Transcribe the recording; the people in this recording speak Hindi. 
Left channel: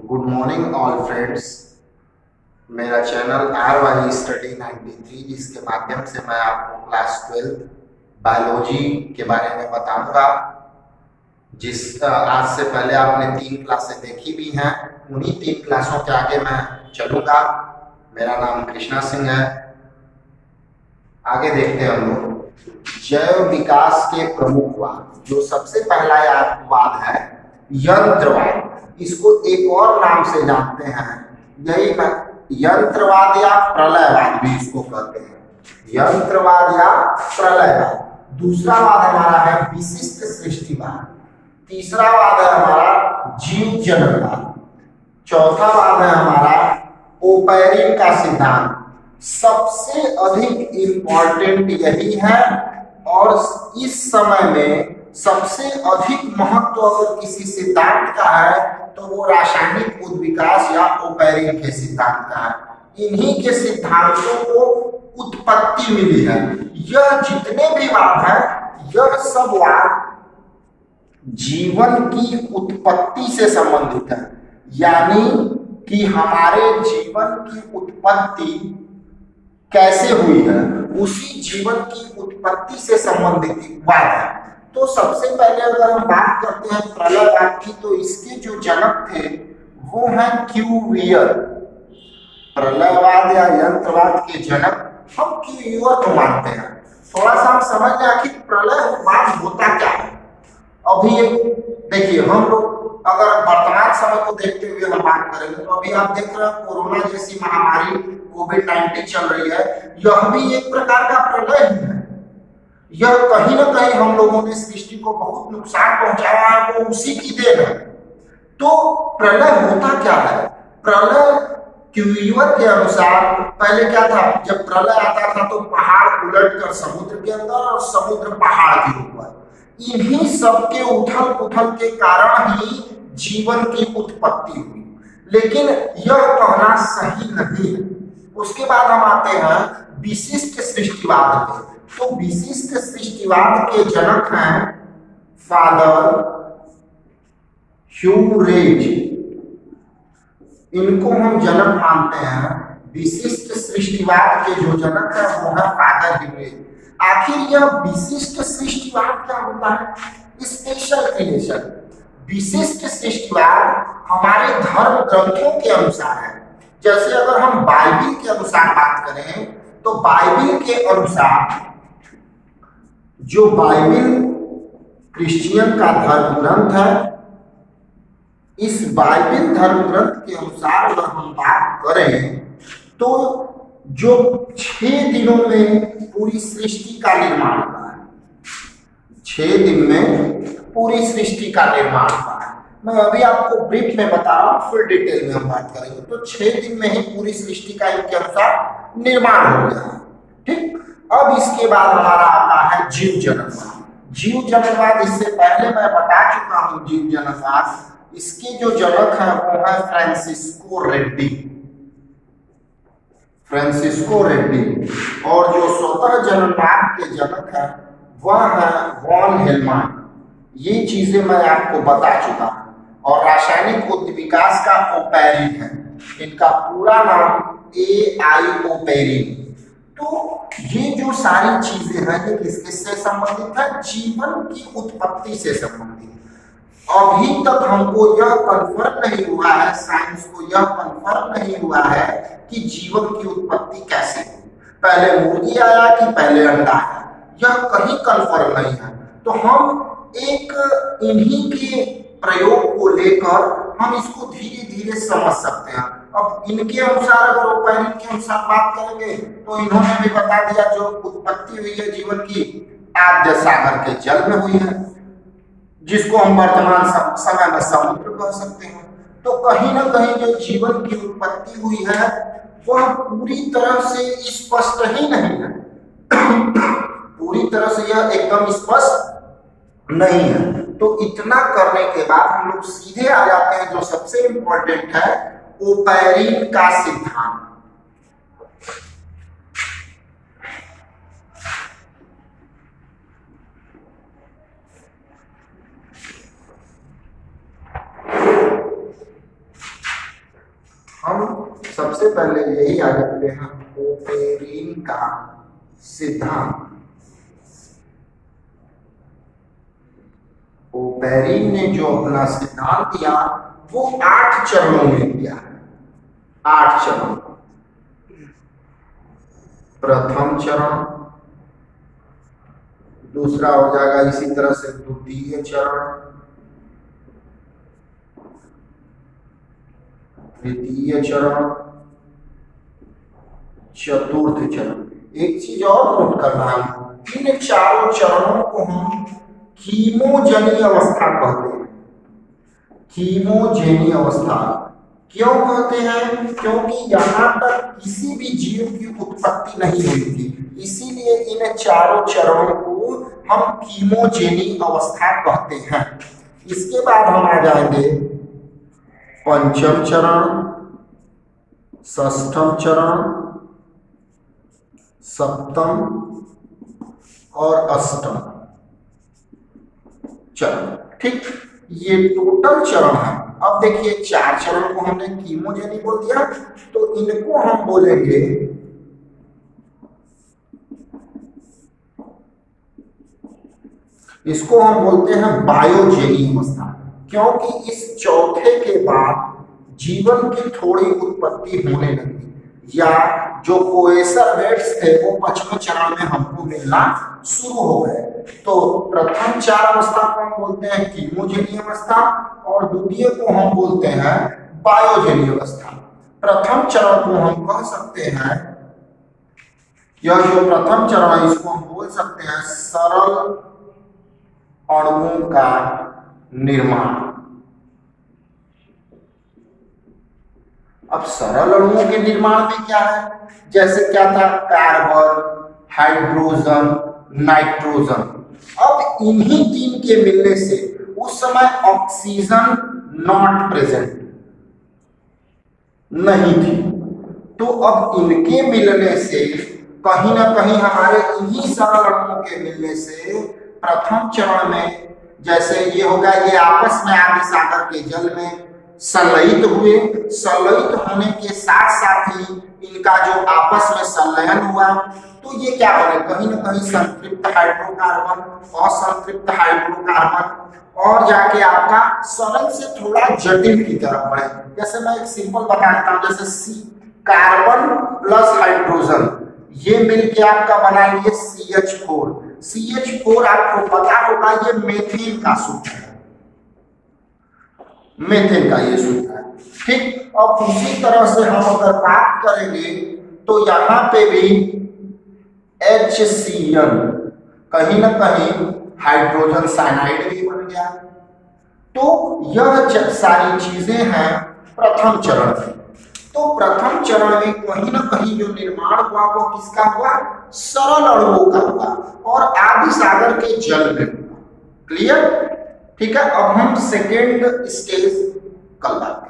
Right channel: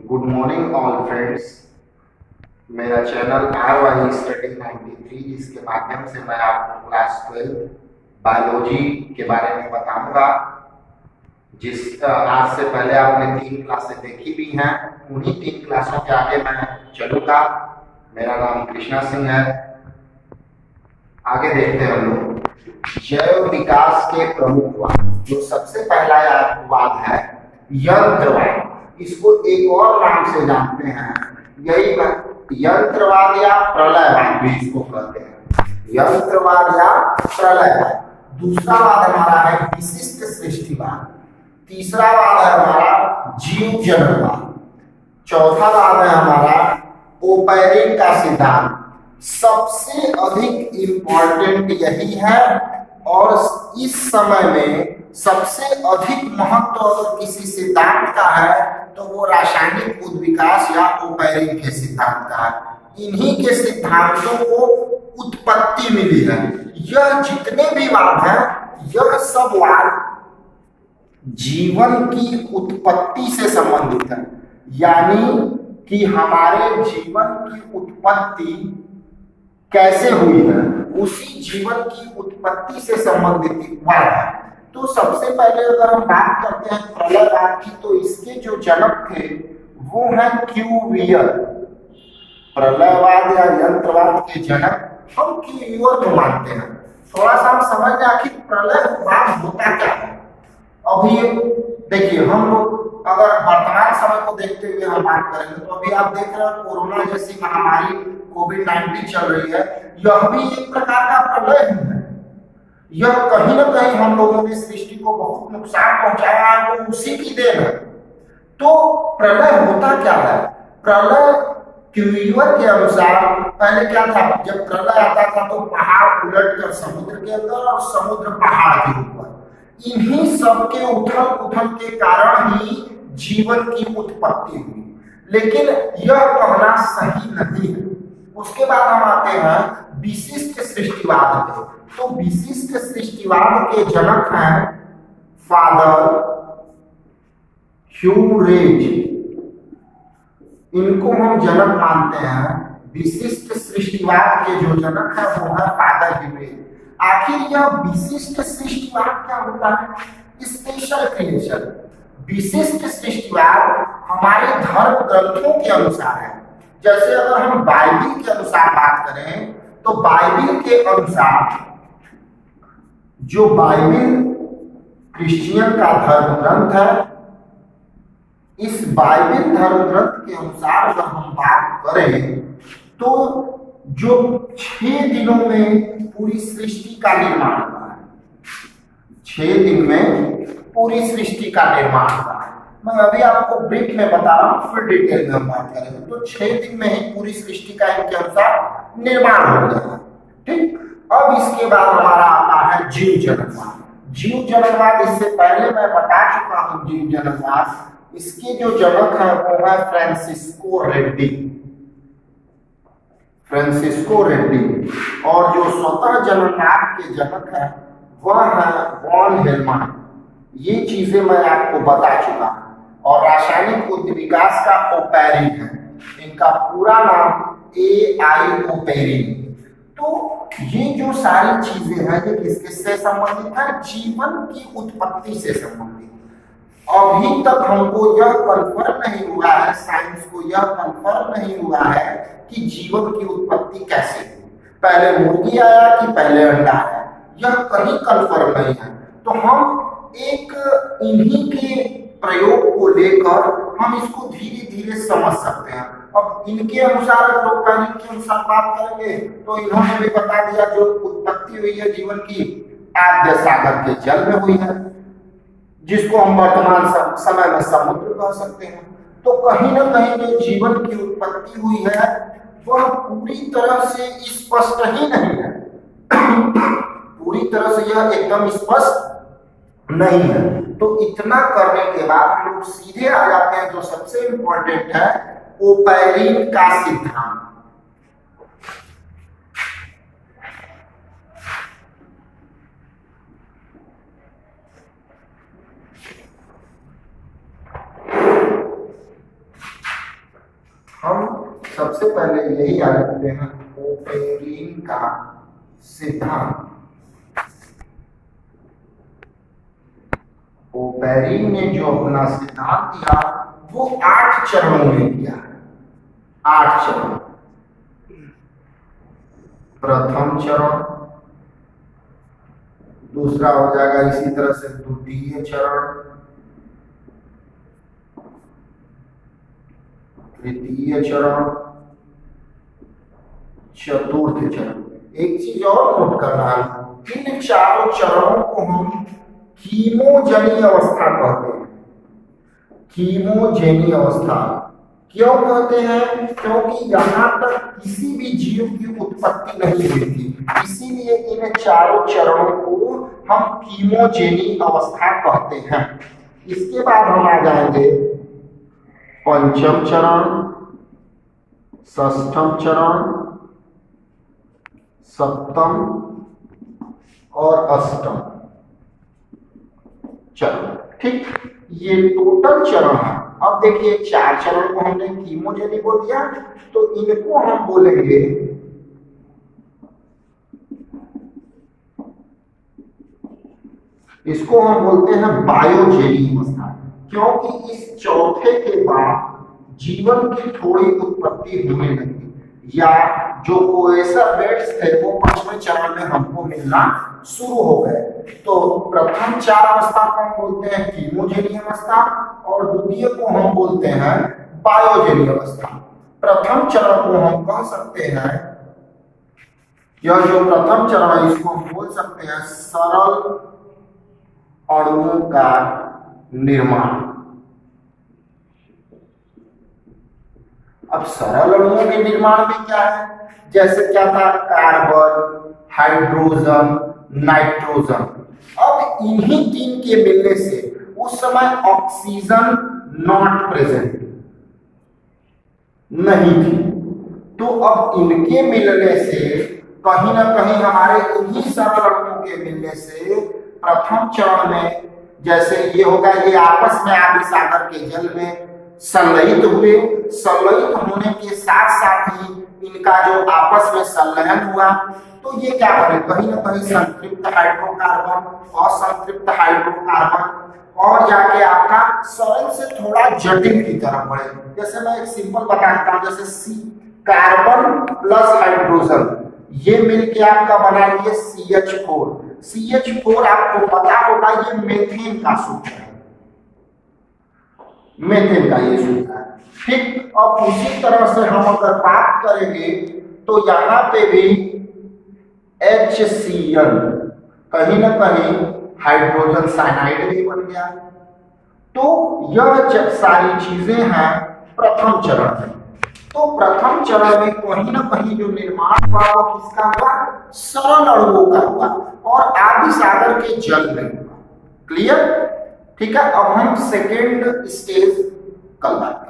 Good morning all friends. मेरा चैनल RY स्टडी 93 जिसके माध्यम से मैं आपको क्लास 12 बायोलॉजी के बारे में बताऊंगा। आज से पहले आपने 3 क्लासें देखी भी हैं, उन्हीं 3 क्लासों के आगे मैं चलूंगा। मेरा नाम कृष्णा सिंह है। आगे देखते हैं हम लोग जैव विकास के प्रमुख वाद। जो सबसे पहला वाद है यंत्रवाद। इसको एक और नाम से जानते हैं, यही यंत्रवाद या प्रलयवाद भी इसको कहते हैं। यंत्रवाद या प्रलयवाद। दूसरा वाद हमारा है विशिष्ट सृष्टिवाद। तीसरा वाद है हमारा जीव जनकवाद। चौथा वाद है हमारा ओपैरिन का सिद्धांत। सबसे अधिक इम्पोर्टेंट यही है और इस समय में सबसे अधिक महत्व अगर किसी सिद्धांत का है तो वो रासायनिक उद्विकास या ओपैरिन के सिद्धांत का है। इन्हीं के सिद्धांतों को उत्पत्ति मिली है। यह जितने भी वाद हैं, यह सब वाद जीवन की उत्पत्ति से संबंधित है, यानी कि हमारे जीवन की उत्पत्ति कैसे हुई है, उसी जीवन की उत्पत्ति से संबंधित वाद है। तो सबसे पहले अगर हम बात करते हैं प्रलयवाद की, तो इसके जो जनक थे वो हैं क्यूवियर। प्रलयवाद या यंत्रवाद के जनक हम क्यूवियर को मानते हैं। थोड़ा सा हम समझ लें आखिर प्रलयवाद होता क्या है। अभी देखिए, हम लोग अगर वर्तमान समय को देखते हुए हम बात करेंगे तो अभी आप देख रहे हैं कोरोना जैसी महामारी कोविड-19 चल रही है। यह भी एक प्रकार का प्रलय ही है। यह कहीं ना कहीं हम लोगों ने सृष्टि को बहुत नुकसान पहुंचाया है, वो उसी की देन है। तो प्रलय होता क्या है? प्रलय क्यूवियर के अनुसार पहले क्या था, जब प्रलय आता था तो पहाड़ उलटकर समुद्र के अंदर और समुद्र पहाड़ के ऊपर। इन्हीं सब के उथल पुथल के कारण ही जीवन की उत्पत्ति हुई, लेकिन यह कहना सही नहीं है। उसके बाद हम आते हैं विशिष्ट सृष्टिवाद पे। तो विशिष्ट सृष्टिवाद के जनक हैं फादर ह्यूरेज। इनको हम जनक मानते हैं। विशिष्ट सृष्टिवाद के जो जनक है वो है फादर ह्यूरेज। आखिर यह विशिष्ट सृष्टिवाद क्या होता है? Special creation. विशिष्ट सृष्टिवाद हमारे धर्म ग्रंथों के अनुसार है। जैसे अगर हम बाइबिल के अनुसार बात करें तो बाइबिल के अनुसार, जो बाइबिल क्रिश्चियन का धर्म ग्रंथ है, इस बाइबिल धर्म ग्रंथ के अनुसार अगर हम बात करें तो जो 6 दिनों में पूरी सृष्टि का निर्माण हुआ है, 6 दिन में पूरी सृष्टि का निर्माण हुआ है। मैं अभी आपको ब्रीफ में बता रहा हूं, फिर डिटेल में हम बात करेंगे। तो 6 दिन में ही पूरी सृष्टि का इनके अनुसार निर्माण हो गया। ठीक, अब इसके बाद हमारा आता है जीव जनकवाद। जीव जनकवाद इससे पहले मैं बता चुका हूं। जीव जनकवाद, इसके जो जनक है वो है फ्रांसिस्को रेड्डी। फ्रांसिस्को रेड्डी। और जो स्वतः जननवाद के जनक है वह है वॉन हेलमान। ये चीजें मैं आपको बता चुका हूं। और रासायनिक उद्विकास का ओपैरिन है। इनका पूरा नाम AI ओपैरिन। तो ये जो सारी चीजें हैं ये किससे संबंधित है? जीवन की उत्पत्ति से संबंधित। अभी तक हमको यह कंफर्म नहीं हुआ है, साइंस को यह कंफर्म नहीं हुआ है कि जीवन की उत्पत्ति कैसे हुई, पहले मुर्गी आया कि पहले अंडा आया, यह कहीं कंफर्म नहीं है। तो हम एक इन्हीं के प्रयोग को लेकर हम इसको धीरे धीरे समझ सकते हैं। अब इनके अनुसार अगर ओपैरिन के अनुसार बात करेंगे तो इन्होंने भी बता दिया जो उत्पत्ति हुई है जीवन की आद्य सागर के जल में हुई है, जिसको हम वर्तमान समय में समुद्र कह सकते हैं। तो कहीं ना कहीं जो जीवन की उत्पत्ति हुई है वह पूरी तरह से स्पष्ट ही नहीं है। पूरी तरह से यह एकदम स्पष्ट नहीं है। तो इतना करने के बाद हम लोग सीधे आ जाते हैं जो सबसे इंपॉर्टेंट है, ओपैरिन का सिद्धांत। हम सबसे पहले यही आ जाते हैं ओपेरिन का सिद्धांत। ओपेरिन ने जो अपना सिद्धांत दिया वो 8 चरणों में दिया है। 8 चरण। प्रथम चरण, दूसरा हो जाएगा इसी तरह से द्वितीय चरण, तृतीय चरण, चतुर्थ चरण। एक चीज और नोट करना है, इन चारों चरणों को हम कीमोजेनी अवस्था कहते हैं। कीमोजेनी अवस्था क्यों कहते हैं? क्योंकि यहाँ तक किसी भी जीव की उत्पत्ति नहीं हुई थी, इसीलिए इन चारों चरणों को हम कीमोजेनी अवस्था कहते हैं। इसके बाद हम आ जाएंगे पंचम चरण, षष्ठम चरण, सप्तम और अष्टम चरण। ठीक, ये टोटल चरण है। अब देखिए 4 चरण को हमने कीमोजेनी बोल दिया, तो इनको हम बोलेंगे इसको हम बोलते हैं बायोजेनी अवस्था, क्योंकि इस चौथे के बाद जीवन की थोड़ी उत्पत्ति होने लगी, या जो कोएसरवेट्स थे वो 5वें चरण में हमको मिलना शुरू हो गए। तो प्रथम 4 अवस्था को हम बोलते हैं कीमोजेनी अवस्था और द्वितीय को हम बोलते हैं बायोजेनी अवस्था। प्रथम चरण को हम कह सकते हैं, यह जो प्रथम चरण है इसको हम बोल सकते हैं सरल अणुओं का निर्माण। अब सरल अणुओं के निर्माण में क्या है? जैसे क्या था? Carbon, hydrogen, nitrogen. अब इन्हीं 3 के मिलने से उस समय ऑक्सीजन नॉट प्रेजेंट नहीं थी, तो अब इनके मिलने से कहीं ना कहीं हमारे इन्हीं सरल अणुओं के मिलने से प्रथम चरण में जैसे ये होगा, ये आपस में आदि सागर के जल में संलयित हुए। संलयित होने के साथ साथ ही इनका जो आपस में संलयन हुआ तो ये क्या बने? कहीं ना कहीं संतृप्त हाइड्रोकार्बन, असंतृप्त हाइड्रोकार्बन और जाके आपका सरल से थोड़ा जटिल की तरफ बढ़े। जैसे मैं एक सिंपल बता देता हूं, जैसे सी कार्बन प्लस हाइड्रोजन ये मिलके आपका बना लिए CH4। CH4 आपको पता होगा ये मेथेन का सूत्र है, मेथेन का ये सूत्र है। ठीक, अब उसी तरह से हम अगर बात करेंगे तो यहाँ पे भी HCl कहीं ना कहीं हाइड्रोजन साइनाइड भी बन गया। तो यह सारी चीजें हैं प्रथम चरण में। तो प्रथम चरण में कहीं ना कहीं जो निर्माण हुआ वो किसका हुआ? सरल अणुओं का हुआ और आदि सागर के जल में हुआ। क्लियर? ठीक है, अब हम सेकेंड स्टेज कल बात करेंगे।